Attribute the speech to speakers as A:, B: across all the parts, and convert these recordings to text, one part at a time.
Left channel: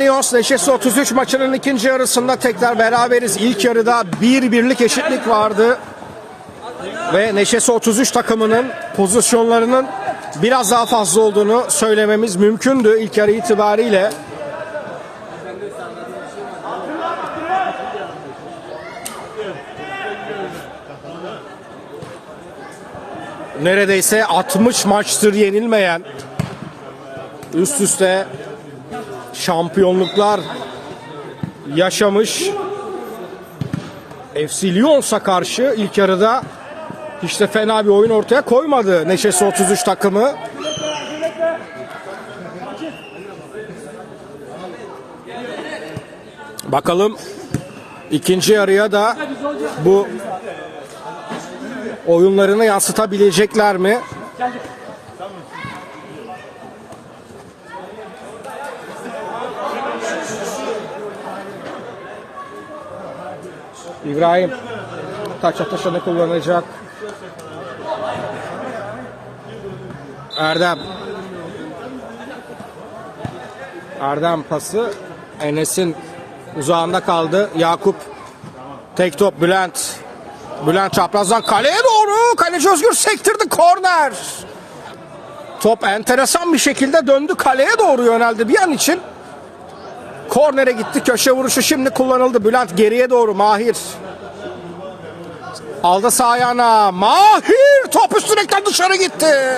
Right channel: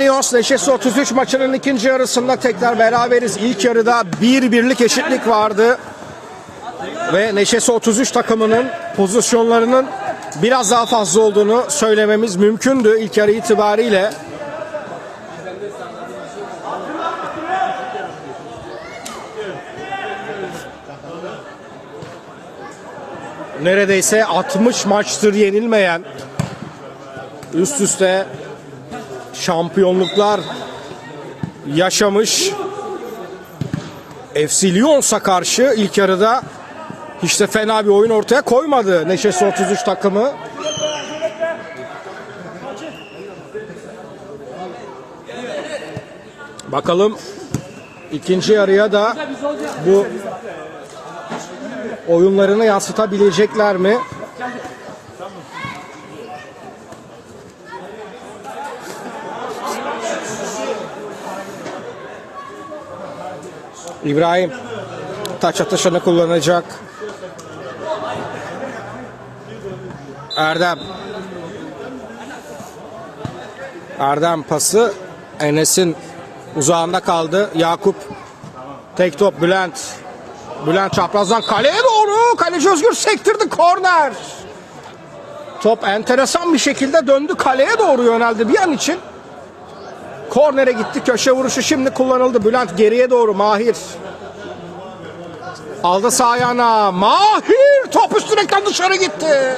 A: Lyons Neşesi 33 maçının ikinci yarısında tekrar beraberiz. İlk yarıda bir birlik eşitlik vardı. Ve Neşesi 33 takımının pozisyonlarının biraz daha fazla olduğunu söylememiz mümkündü ilk yarı itibariyle. Neredeyse 60 maçtır yenilmeyen üst üste şampiyonluklar yaşamış FC Lyons'a karşı ilk yarıda hiç de fena bir oyun ortaya koymadı Neşesi 33 takımı. Bakalım ikinci yarıya da bu oyunlarını yansıtabilecekler mi? İbrahim taç atışını kullanacak. Erdem. Erdem pası Enes'in uzağında kaldı. Yakup tek top Bülent. Bülent çaprazdan kaleye doğru. Kaleci Özgür sektirdi korner. Top enteresan bir şekilde döndü kaleye doğru yöneldi bir an için. Kornere gitti. Köşe vuruşu şimdi kullanıldı. Bülent geriye doğru. Mahir. Aldı sağ ayağına. Mahir. Top üst direkten dışarı gitti.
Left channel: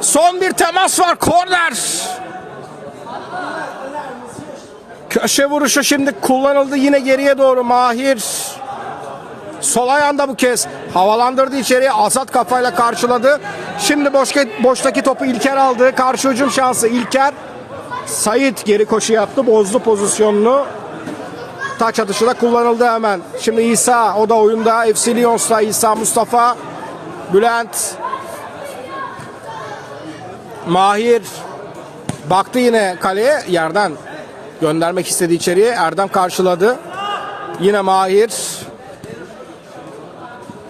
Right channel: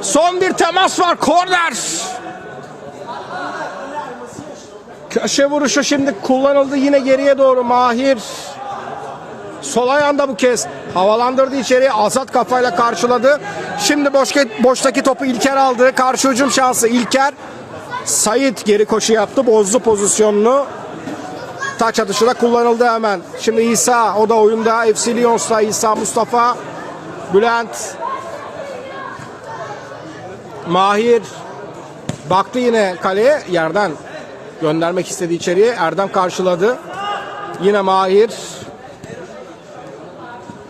A: Son bir temas var. Korner. Köşe vuruşu şimdi kullanıldı. Yine geriye doğru. Mahir. Sol ayağında bu kez havalandırdı içeriye. Azat kafayla karşıladı. Şimdi boş, boştaki topu İlker aldı. Karşı hücum şansı İlker. Sait geri koşu yaptı. Bozdu pozisyonunu. Taç atışı da kullanıldı hemen. Şimdi İsa o da oyunda. FC Lyons'ta İsa Mustafa. Bülent. Mahir. Baktı yine kaleye. Yerden göndermek istedi içeriye. Erdem karşıladı. Yine Mahir.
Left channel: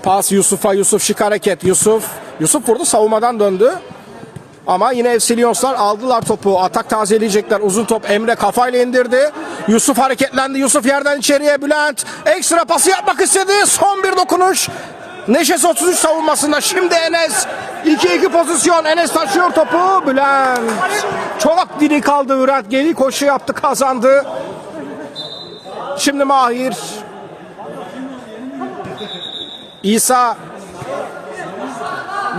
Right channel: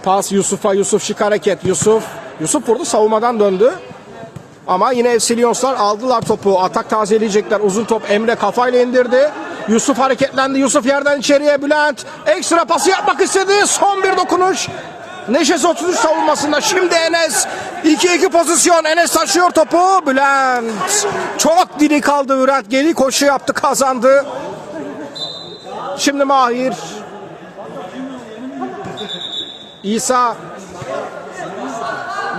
A: Pas Yusuf'a. Yusuf şık hareket. Yusuf. Yusuf vurdu savunmadan döndü. Ama yine FC Lyonslar aldılar topu. Atak tazeleyecekler. Uzun top Emre kafayla indirdi. Yusuf hareketlendi. Yusuf yerden içeriye Bülent. Ekstra pası yapmak istedi. Son bir dokunuş. Neşesi 33 savunmasında. Şimdi Enes. 2-2 pozisyon. Enes taşıyor topu. Bülent. Çok diri kaldı Ürat. Geri koşu yaptı kazandı. Şimdi Mahir. İsa.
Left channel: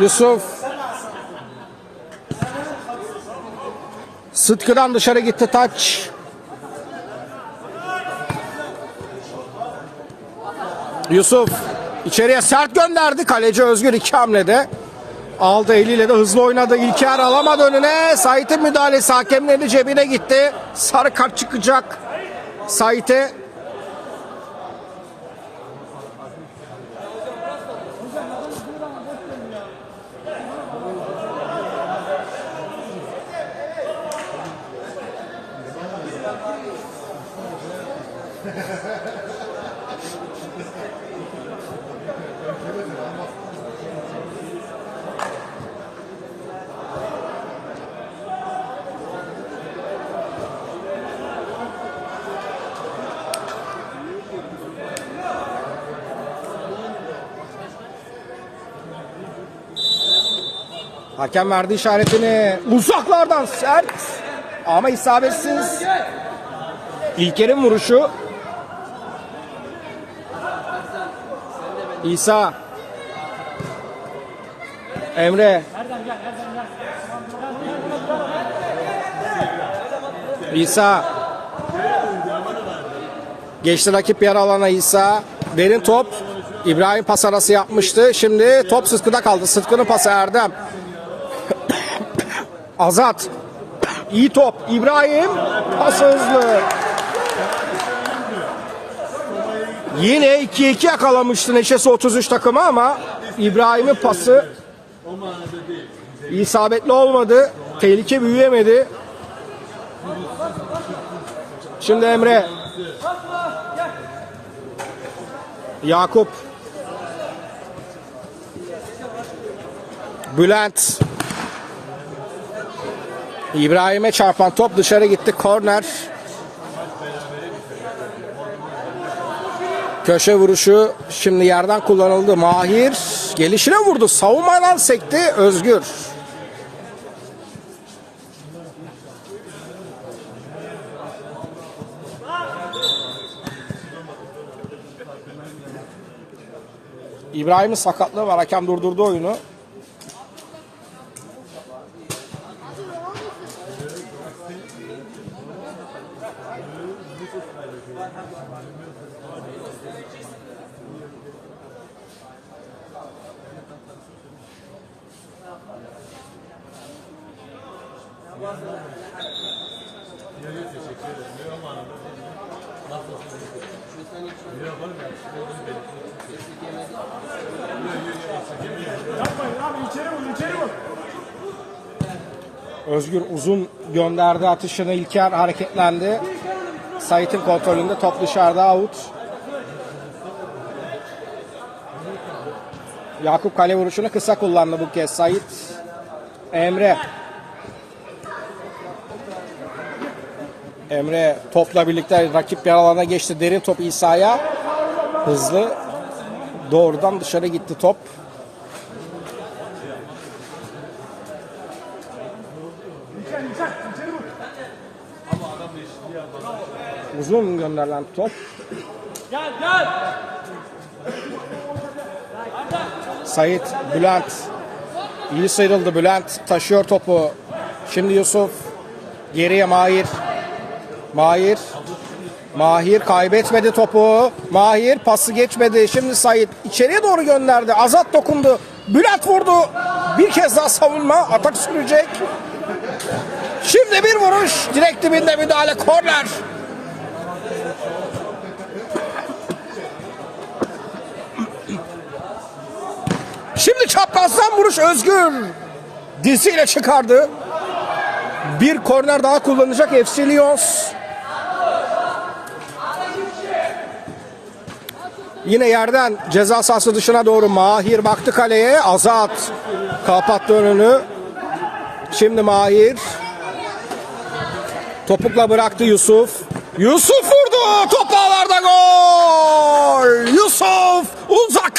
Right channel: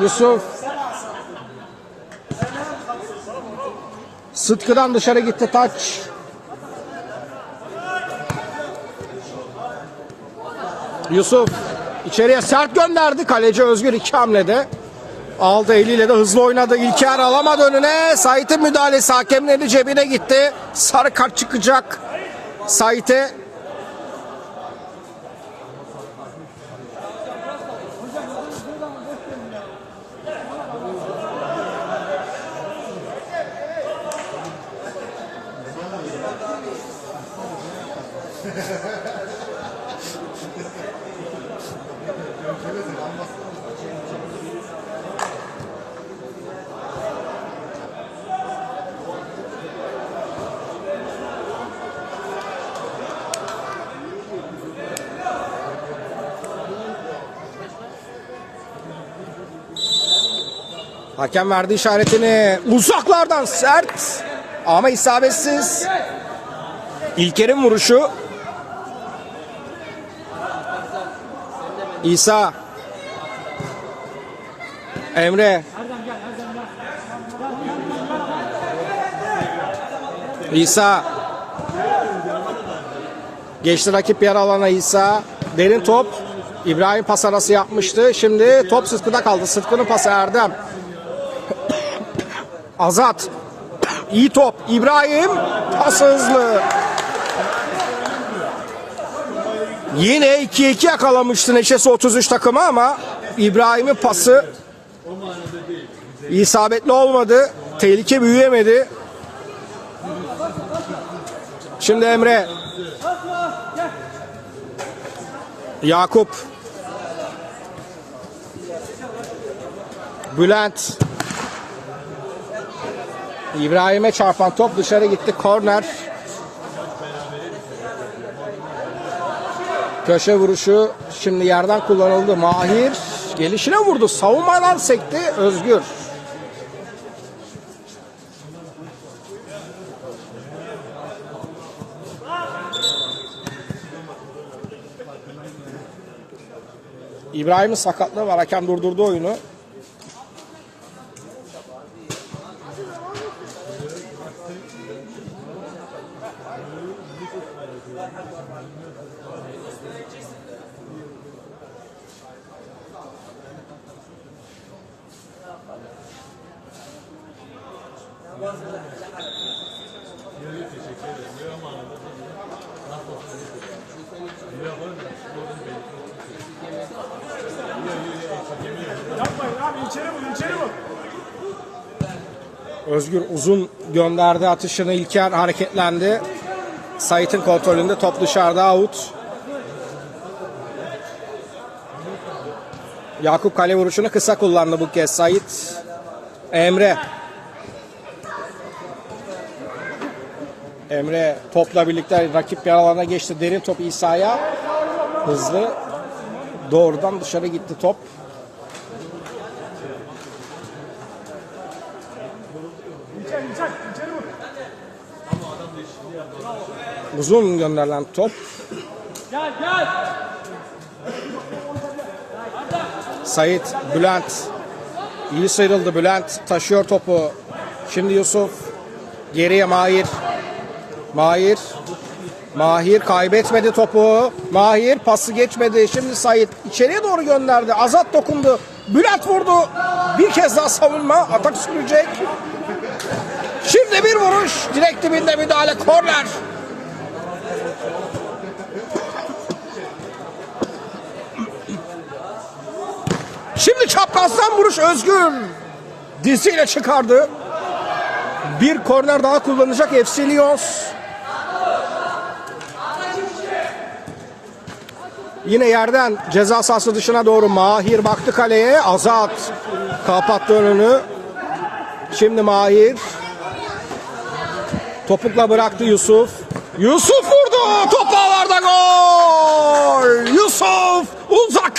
A: Yusuf. Sıtkı'dan dışarı gitti taç. Yusuf içeriye sert gönderdi. Kaleci Özgür iki hamlede. Aldı eliyle de hızlı oynadı. İlker alamadı önüne. Sait'in müdahalesi hakemin cebine gitti. Sarı kart çıkacak. Sait'e Hakem verdi işaretini. Uzaklardan sert ama isabetsiz. İlker'in vuruşu. İsa. Emre. İsa. Geçti rakip yer alana İsa. Derin top. İbrahim pas arası yapmıştı. Şimdi top Sıtkı'da kaldı. Sıtkı'nın pası Erdem. Azat. İyi top. İbrahim. Pas hızlı. Yine 2-2 yakalamıştı Neşesi 33 takımı ama İbrahim'in pası isabetli olmadı. Tehlike büyüyemedi. Şimdi Emre. Yakup. Bülent. İbrahim'e çarpan top dışarı gitti. Korner. Köşe vuruşu şimdi yerden kullanıldı. Mahir gelişine vurdu. Savunmadan sekti. Özgür. İbrahim'in sakatlığı var. Hakem durdurdu oyunu. Özgür uzun gönderdi atışını İlker hareketlendi. Sait'in kontrolünde top dışarıda out. Yakup kale vuruşunu kısa kullandı bu kez Sait. Emre. Emre topla birlikte rakip bir alana geçti. Derin top İsa'ya. Hızlı. Doğrudan dışarı gitti top. Uzun gönderilen top. Sait, Bülent. İyi sıyrıldı Bülent. Taşıyor topu. Şimdi Yusuf. Geriye Mahir. Mahir. Mahir kaybetmedi topu. Mahir pası geçmedi. Şimdi Sait içeriye doğru gönderdi. Azat dokundu. Bülent vurdu. Bir kez daha savunma. Atak sürecek. Şimdi bir vuruş. Direkt dibinde müdahale. Korner. Şimdi çaprazdan vuruş Özgün. Diziyle çıkardı. Bir korner daha kullanacak Efsilios. Yine yerden ceza sahası dışına doğru Mahir baktı kaleye. Azat kapattı önünü. Şimdi Mahir. Topukla bıraktı Yusuf. Yusuf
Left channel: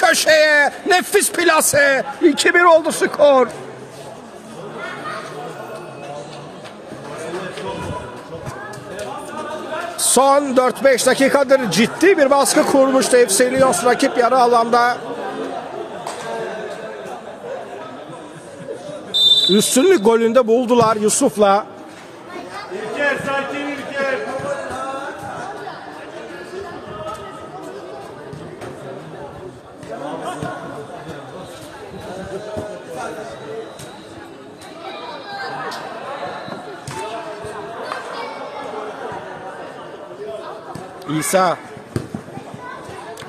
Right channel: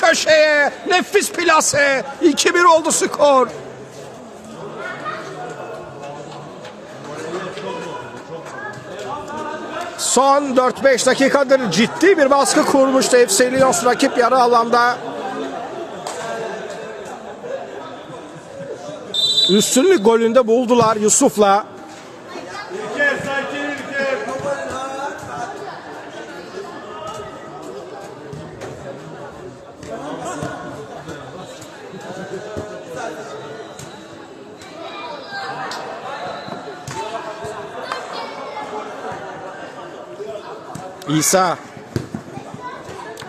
A: köşeye. Nefis plase. 2-1 oldu skor. Son 4-5 dakikadır ciddi bir baskı kurmuştu Efselios rakip yarı alanda. Üstünlük golünde buldular Yusuf'la. İsa.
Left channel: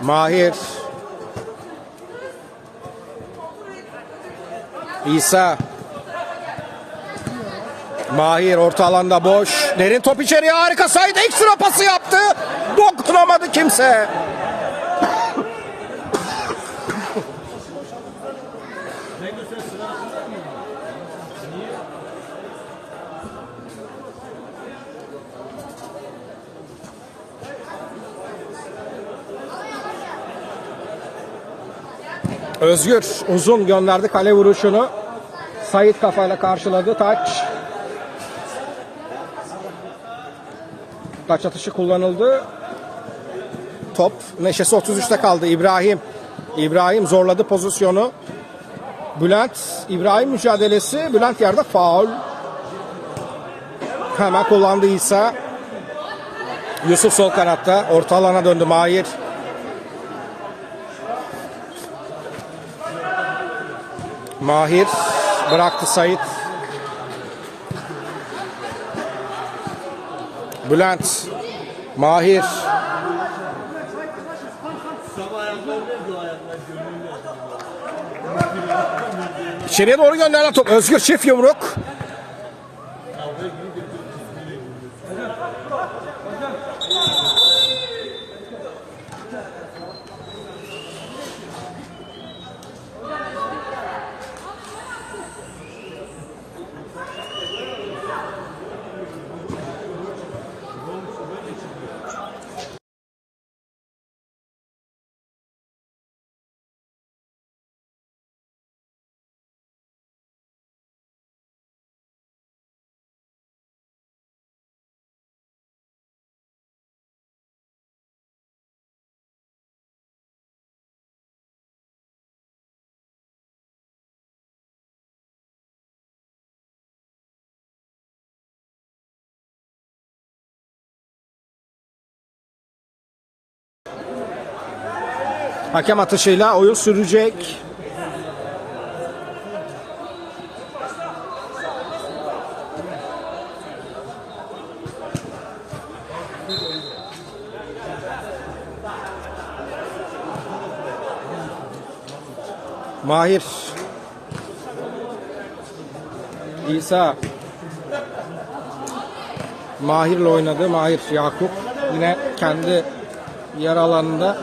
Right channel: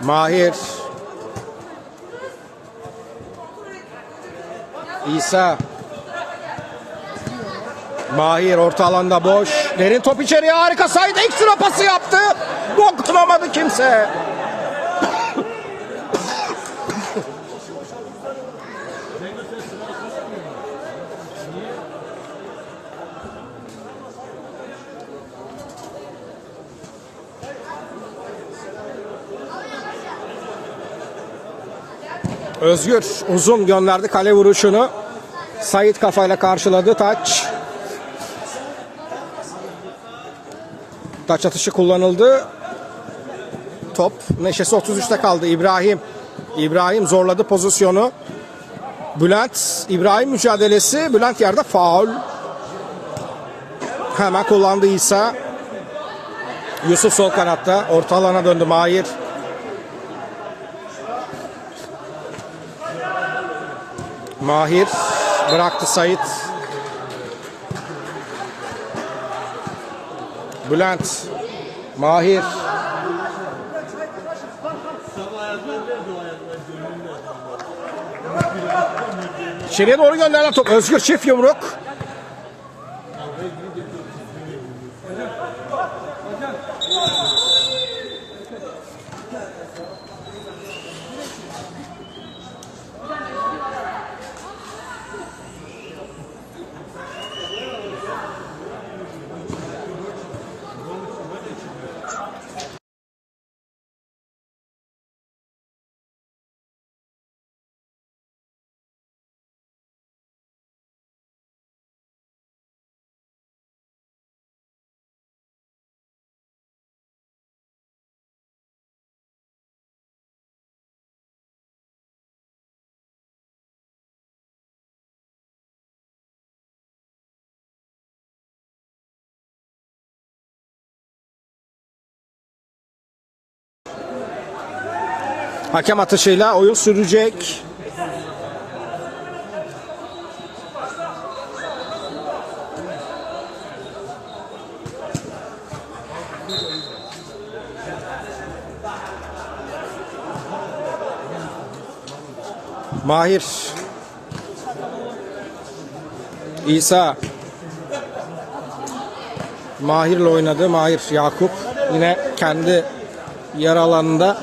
A: Mahir. İsa. Mahir orta alanda boş. Derin top içeriye harika saydı. Ekstra pası yaptı. Dokunamadı kimse. Özgür uzun gönderdi kale vuruşunu. Sait kafayla karşıladı taç. Taç atışı kullanıldı. Top neşesi 33'te kaldı İbrahim. İbrahim zorladı pozisyonu. Bülent İbrahim mücadelesi. Bülent yerde faul. Hemen kullandı İsa. Yusuf sol kanatta. Orta alana döndü Mahir. Mahir bıraktı Sait. Bülent Mahir İçeriye doğru gönderilen top. Özgür çift yumruk. Hakem atışıyla oyun sürecek. Mahir. İsa. Mahir'le oynadı. Mahir Yakup yine kendi yer alanında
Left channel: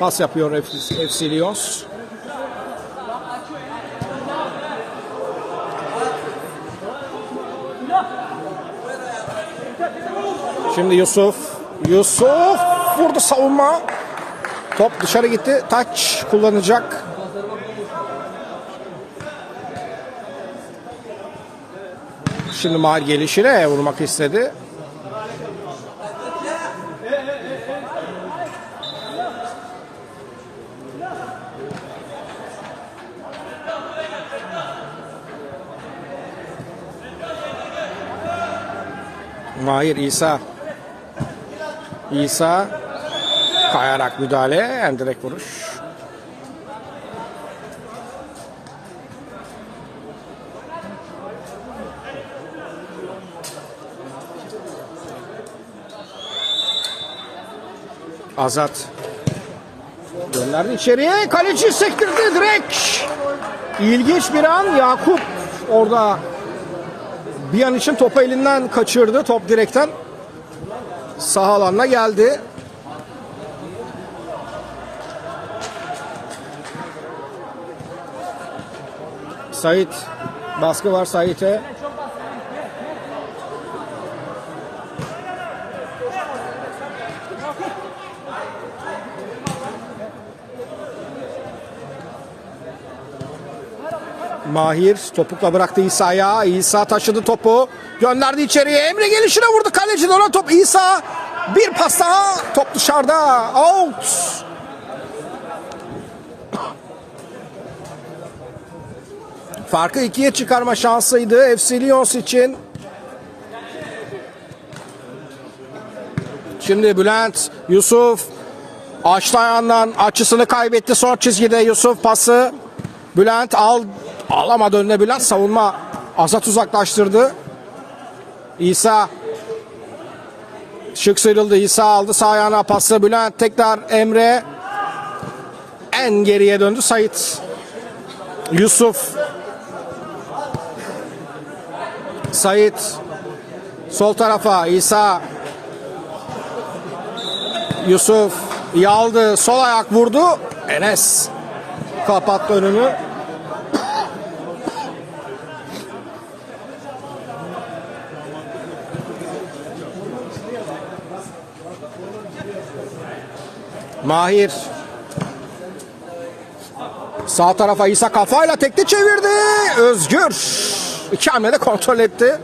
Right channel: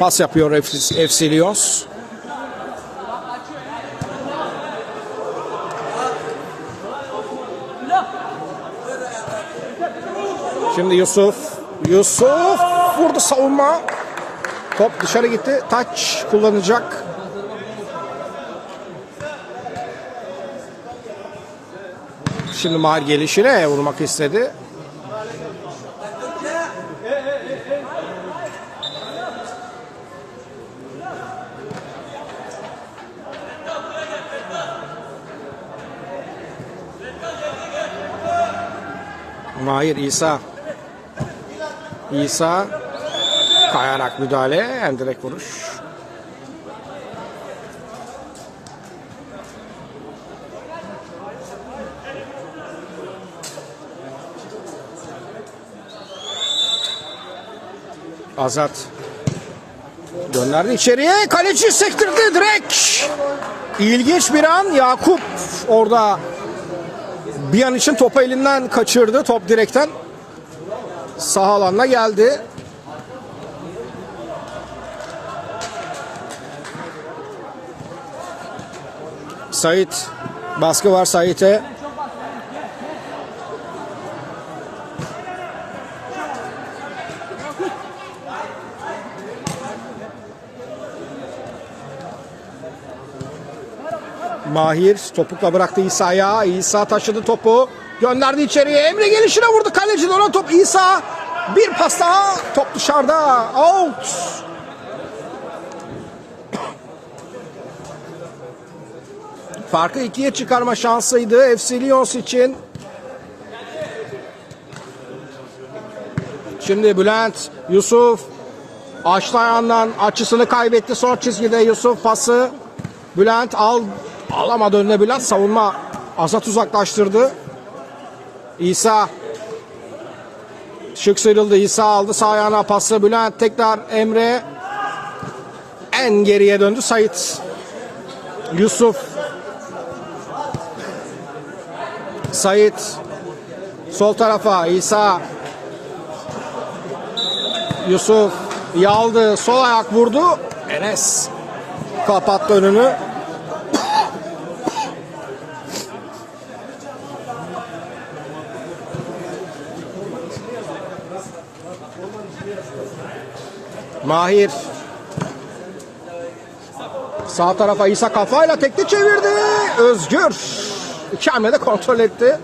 A: pas yapıyor Efsilios. Şimdi Yusuf. Yusuf vurdu savunma. Top dışarı gitti. Taç kullanacak. Şimdi Mahir gelişine vurmak istedi. Mahir İsa. İsa kayarak müdahale, en direkt vuruş. Azat gönderdi içeriye. Kaleci sektirdi direkt. İlginç bir an Yakup orada bir an için topu elinden kaçırdı. Top direkten sağ alanına geldi. Sait baskı var Sait'e. Mahir topukla bıraktı İsa'ya. İsa taşıdı topu. Gönderdi içeriye. Emre gelişine vurdu. Kaleci dönen top İsa. Bir pas daha. Top dışarıda. Out. Farkı ikiye çıkarma şansıydı FC Lions için. Şimdi Bülent, Yusuf açtı açısını kaybetti. Son çizgide Yusuf pası. Bülent al alamadı önüne Bülent savunma Azat uzaklaştırdı. İsa şık sıyrıldı. İsa aldı sağ ayağına pası. Bülent tekrar Emre en geriye döndü Sait. Yusuf Sait sol tarafa İsa Yusuf yaldı sol ayak vurdu Enes kapattı önünü Mahir Sağ tarafa İsa kafayla tekli çevirdi. Özgür. İki hamlede kontrol etti.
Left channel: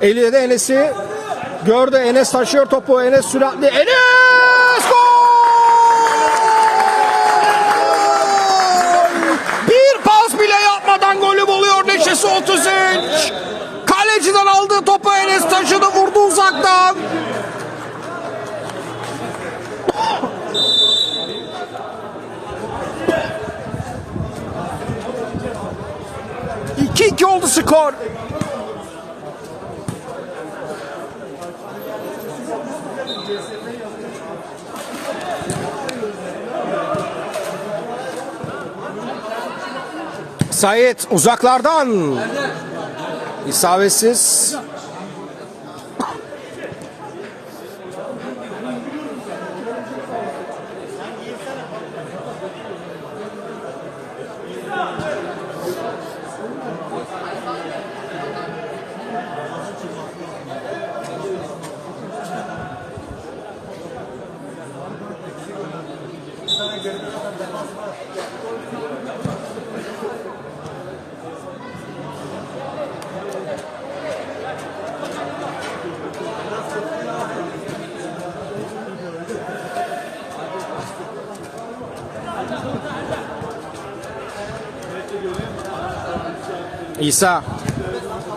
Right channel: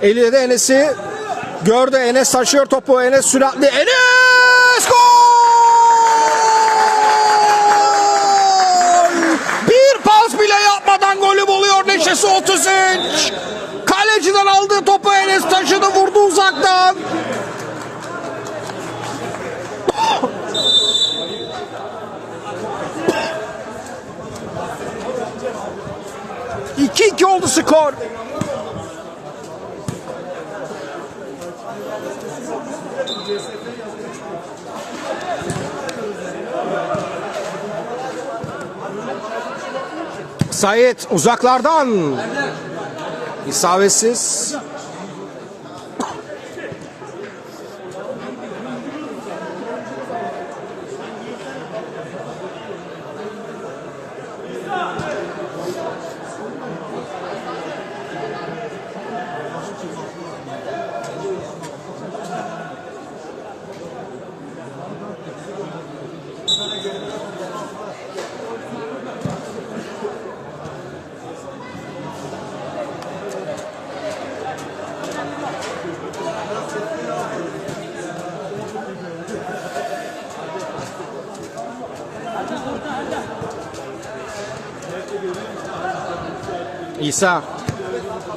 A: Eliyle de Enes'i gördü. Enes taşıyor topu. Enes süratli. Enes gol! Bir pas bile yapmadan golü buluyor. Neşesi 33. Kaleciden aldığı topu Enes taşıdı. Vurdu uzaktan. İki iki oldu skor. Sait uzaklardan. İsabetsiz. İsa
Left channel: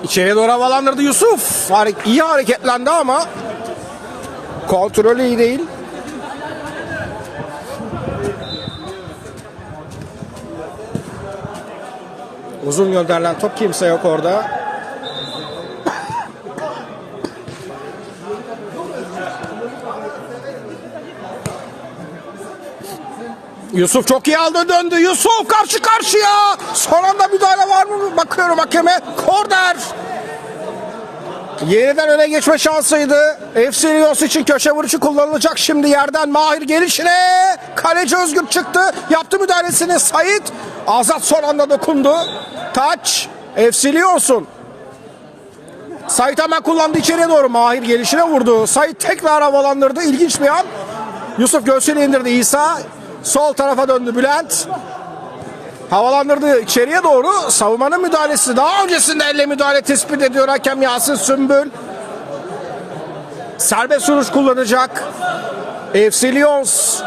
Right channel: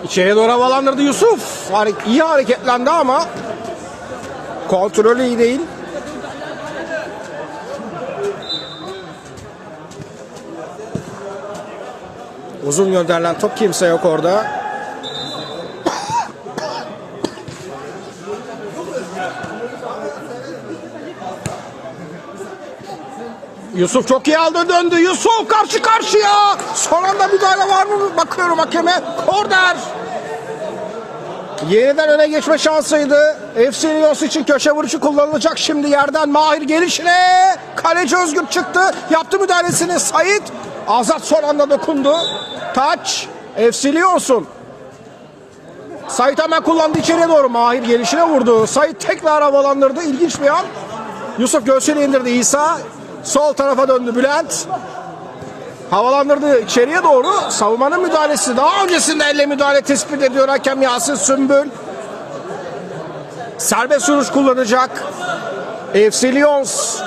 A: içeriye doğru havalandırdı Yusuf. Hare- iyi hareketlendi ama kontrolü iyi değil. Uzun gönderilen top kimse yok orada. Yusuf çok iyi aldı döndü. Yusuf karşı karşıya. Son anda müdahale var mı? Bakıyorum hakeme. Korner. Yeniden öne geçme şansıydı. FC Lions için köşe vuruşu kullanılacak. Şimdi yerden Mahir gelişine. Kaleci Özgür çıktı. Yaptı müdahalesini Sait. Azat son anda dokundu. Taç. FC Lions'un. Sait hemen kullandı içeriye doğru. Mahir gelişine vurdu. Sait tekrar havalandırdı. İlginç bir an. Yusuf göğsüne indirdi İsa. Sol tarafa döndü Bülent. Havalandırdı içeriye doğru. Savunmanın müdahalesi. Daha öncesinde elle müdahale tespit ediyor hakem Yasin Sümbül. Serbest vuruş kullanacak. FC Lions.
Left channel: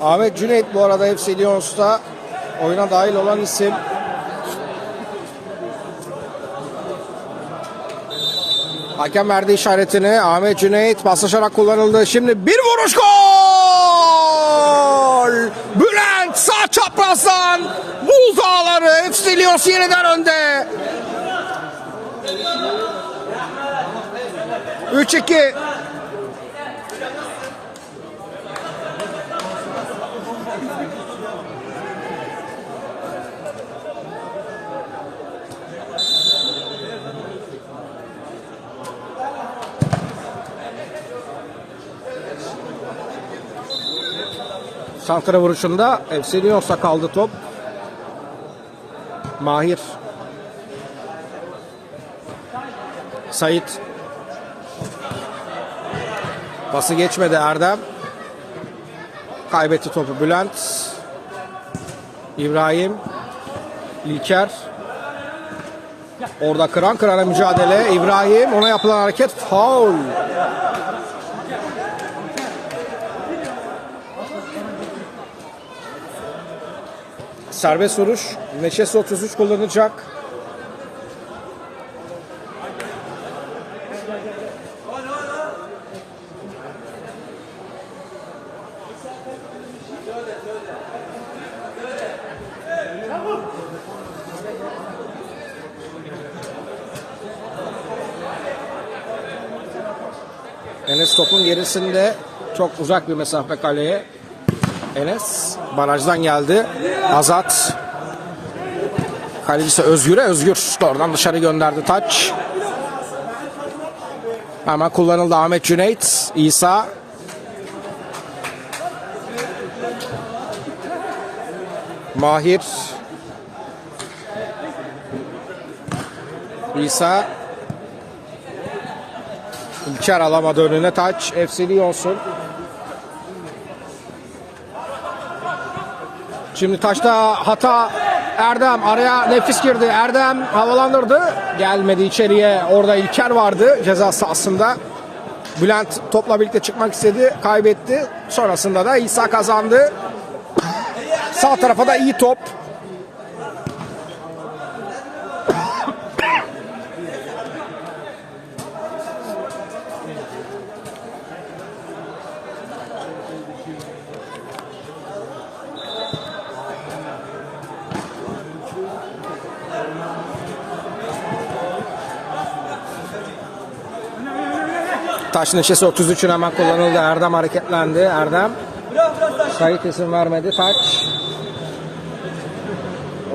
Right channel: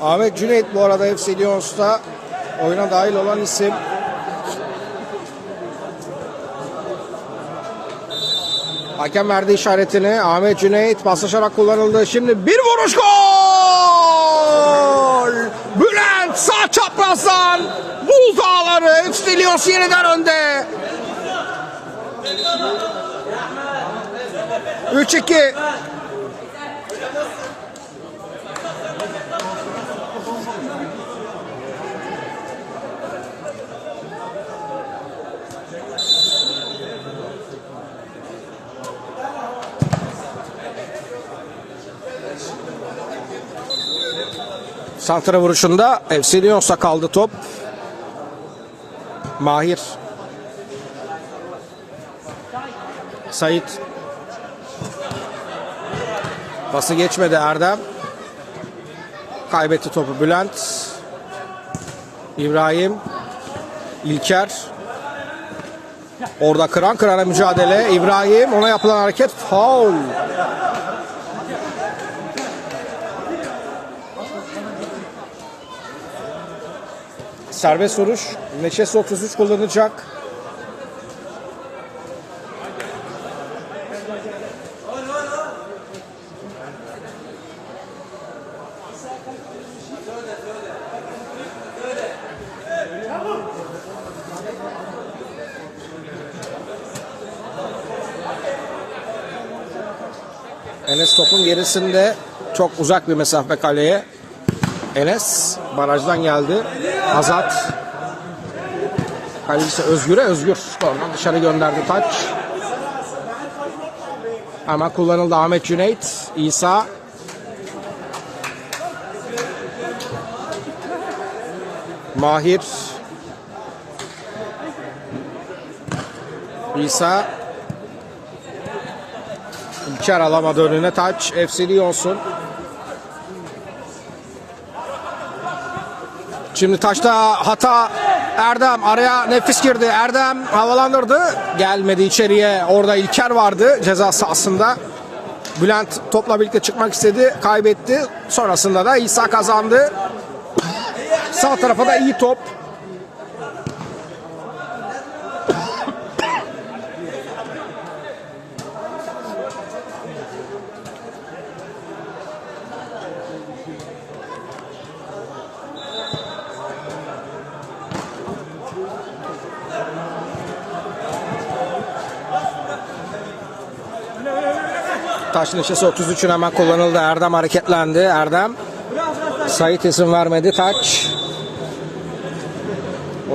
A: Ahmet Cüneyt bu arada FC Lions'ta oyuna dahil olan isim. Hakem verdi işaretini. Ahmet Cüneyt paslaşarak kullanıldı. Şimdi bir vuruş gol! Bülent sağ çaprazdan buzağları FC Lions yeniden önde. 3-2. Santra vuruşunda Lions'a kaldı top. Mahir. Sait. Pası geçmedi Erdem. Kaybetti topu Bülent. İbrahim. İlker. Orada kıran kırana mücadele. İbrahim ona yapılan hareket faul. Serbest vuruş. Neşesi 33 kullanacak. Enes topun gerisinde çok uzak bir mesafe kaleye. Enes barajdan geldi. Azat. Kalecisi Özgür'e Özgür. Oradan dışarı gönderdi taç. Ama kullanıldı Ahmet Cüneyt. İsa. Mahir. İsa. İlker alamadı önüne taç. FC'li olsun. Şimdi taşta hata Erdem araya nefis girdi. Erdem havalandırdı. Gelmedi içeriye. Orada İlker vardı ceza sahasında. Bülent topla birlikte çıkmak istedi. Kaybetti. Sonrasında da İsa kazandı. Sağ tarafa da iyi top. Taş neşesi 33'ün hemen kullanıldı. Erdem hareketlendi. Erdem. Sait isim vermedi. Taç.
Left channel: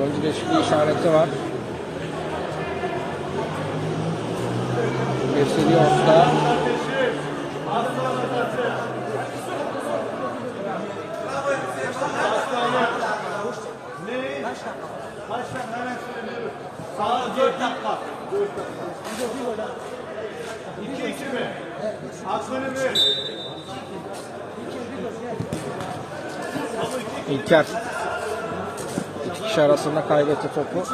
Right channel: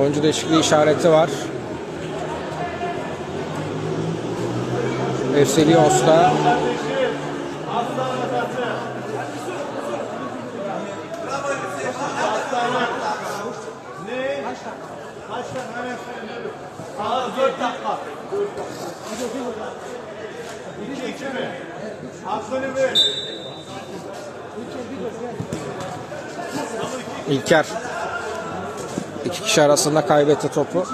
A: Oyuncu değişikliği işareti var. FC Lions'ta.
B: Ne? Baştan hemen söylüyorum. Sağ 4 dakika. 4 dakika. 2 2 mi?
A: İlker. İki kişi arasında kaybetti topu.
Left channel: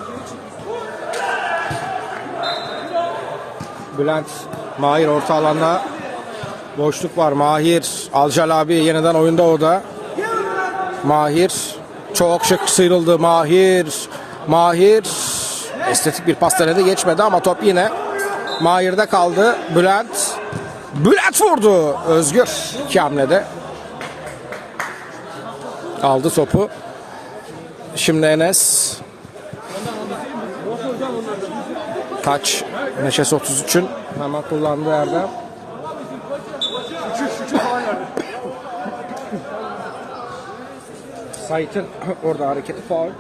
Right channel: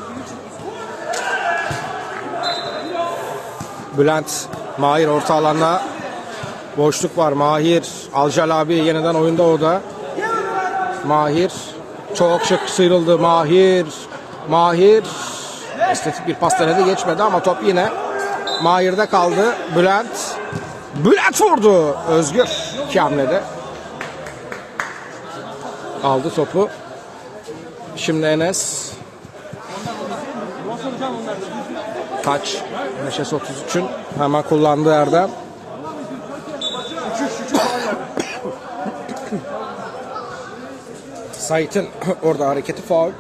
A: Bülent Mahir orta alanda boşluk var. Mahir Alcal abi yeniden oyunda o da. Mahir çok şık sıyrıldı. Mahir Mahir estetik bir pas denedi geçmedi ama top yine Mahir'de kaldı. Bülent Bülent vurdu. Özgür iki hamlede aldı topu. Şimdi Enes Taç Neşes 33'ün hemen kullandığı Erdem. Sait'in orada hareketi faul.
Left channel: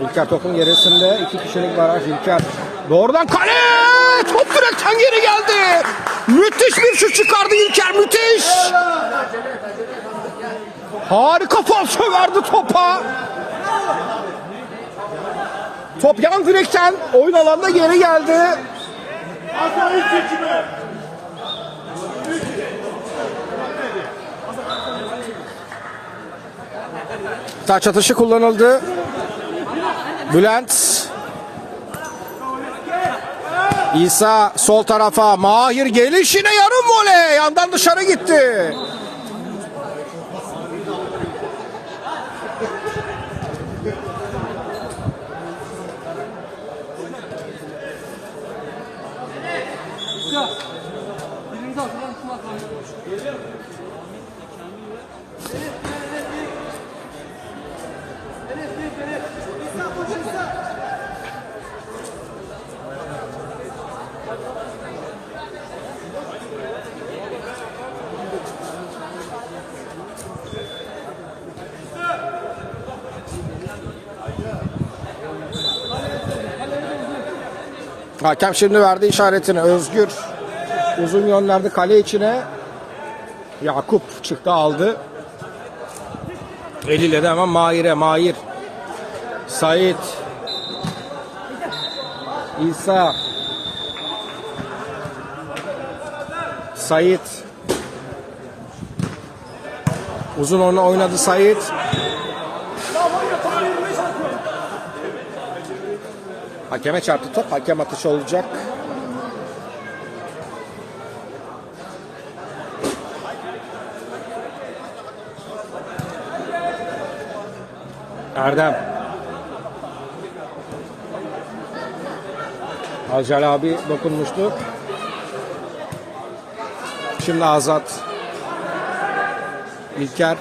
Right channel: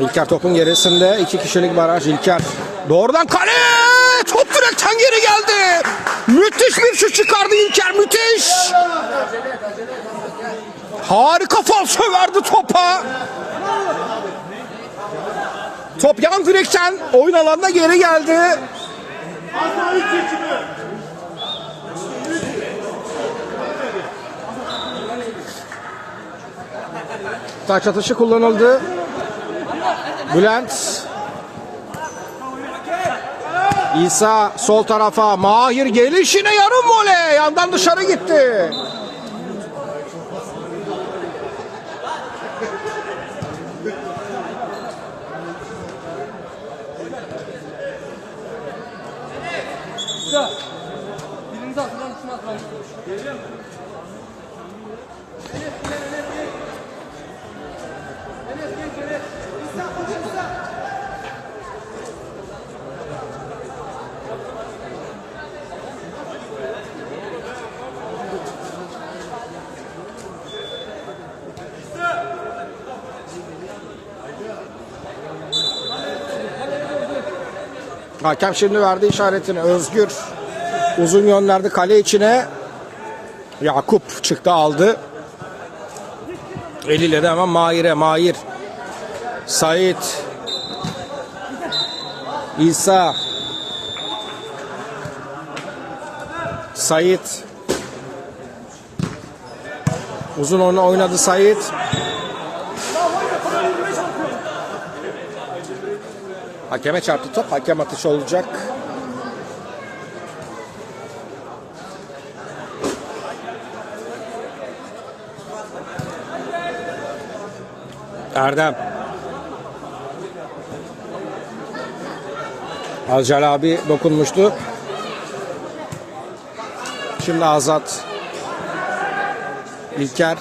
A: İlker topun gerisinde iki kişilik baraj İlker. Doğrudan kale! Top direkten geri geldi. Müthiş bir şut çıkardı İlker müthiş. Harika falso verdi topa. Top yan direkten oyun alanına geri geldi. Taç atışı kullanıldı. Bülent. İsa sol tarafa. Mahir gelişine yarım voley. Yandan dışarı gitti. Hakem şimdi verdi işaretini. Özgür uzun gönderdi kale içine. Yakup çıktı aldı. Eliyle de hemen Mahir'e. Mahir. Sait. İsa. Sait. Uzun onu oynadı Sait. Hakeme çarptı top. Hakem atışı olacak. Erdem. Alcal abi dokunmuştu. Şimdi Azat. İlker.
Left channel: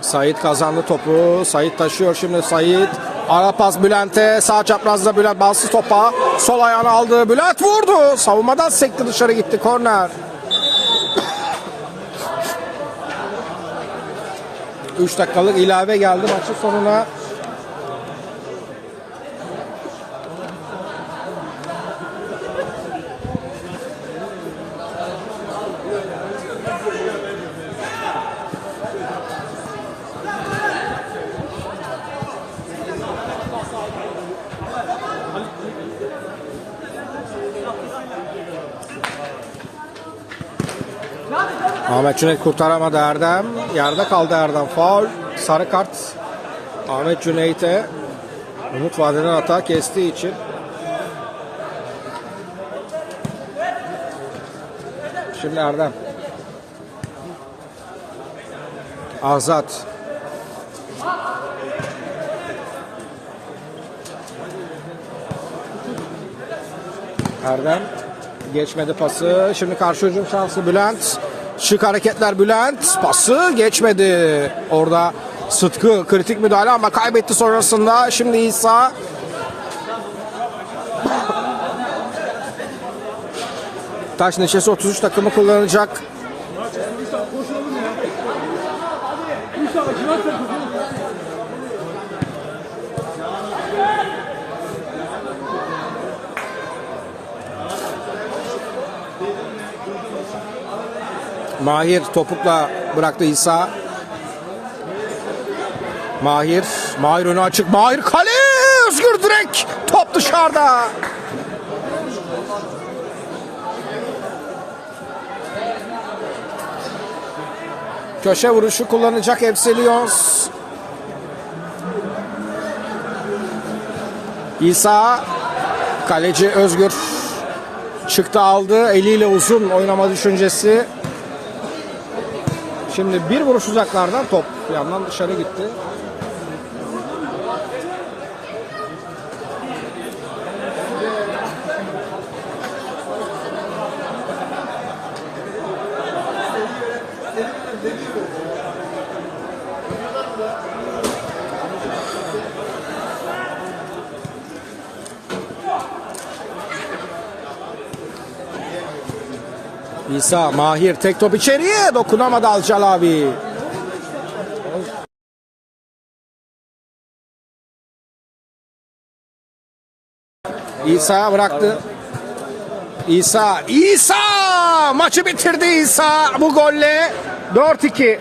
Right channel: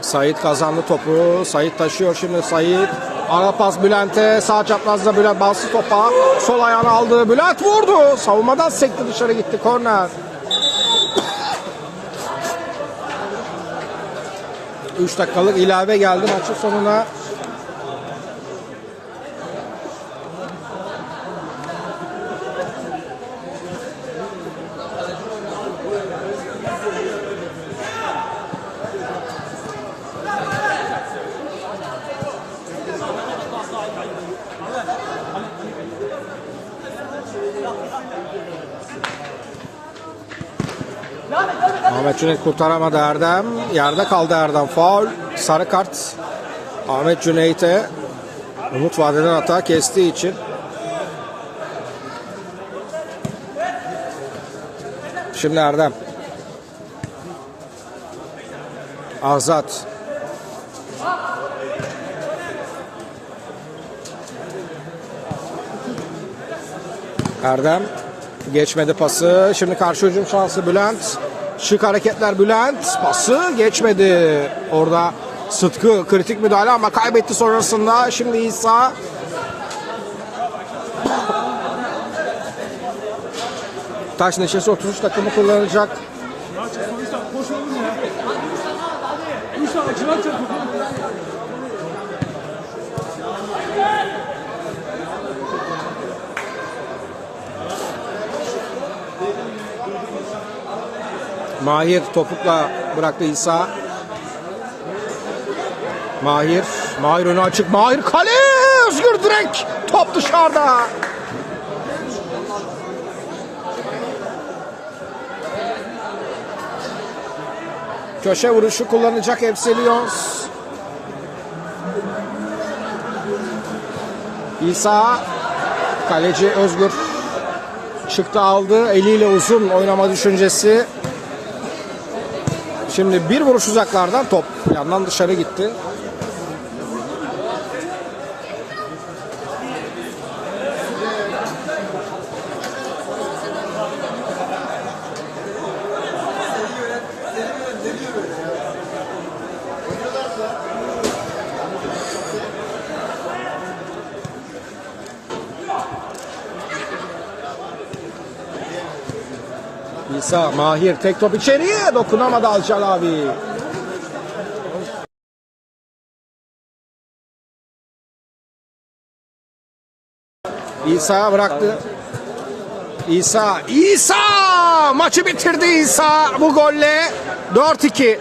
A: Sait kazandı topu. Sait taşıyor şimdi Sait. Ara pas Bülent'e. Sağ çaprazda Bülent bastı topa. Sol ayağını aldı. Bülent vurdu. Savunmadan sekti dışarı gitti. Korner. 3 dakikalık ilave geldi maçın sonuna. Cüneyt kurtaramadı Erdem. Yerde kaldı Erdem. Faul. Sarı kart. Ahmet Cüneyt'e Umut Vadeden hata kestiği için Şimdi Erdem. Azat. Erdem geçmedi pası. Şimdi karşı hücum şansı Bülent. Şık hareketler Bülent. Pası geçmedi. Orada Sıtkı kritik müdahale ama kaybetti sonrasında. Şimdi İsa. Taş neşesi 33 takımı kullanacak.
B: Ya.
A: Mahir topukla bıraktı İsa. Mahir. Mahir önü açık. Mahir kale. Özgür direkt. Top dışarıda. Köşe vuruşu kullanacak Lions. İsa kaleci Özgür çıktı aldı. Eliyle uzun oynama düşüncesi. Şimdi bir vuruş uzaklardan top yandan dışarı gitti. İsa Mahir tek top içeriye dokunamadı Alcal abi. İsa bıraktı. İsa, İsa maçı bitirdi İsa bu golle 4-2.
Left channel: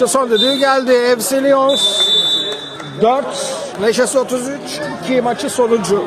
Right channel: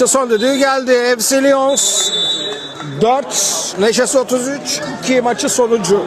A: Maçın son düdüğü geldi. FC Lions 4, Neşesi 33, 2 maçı sonucu.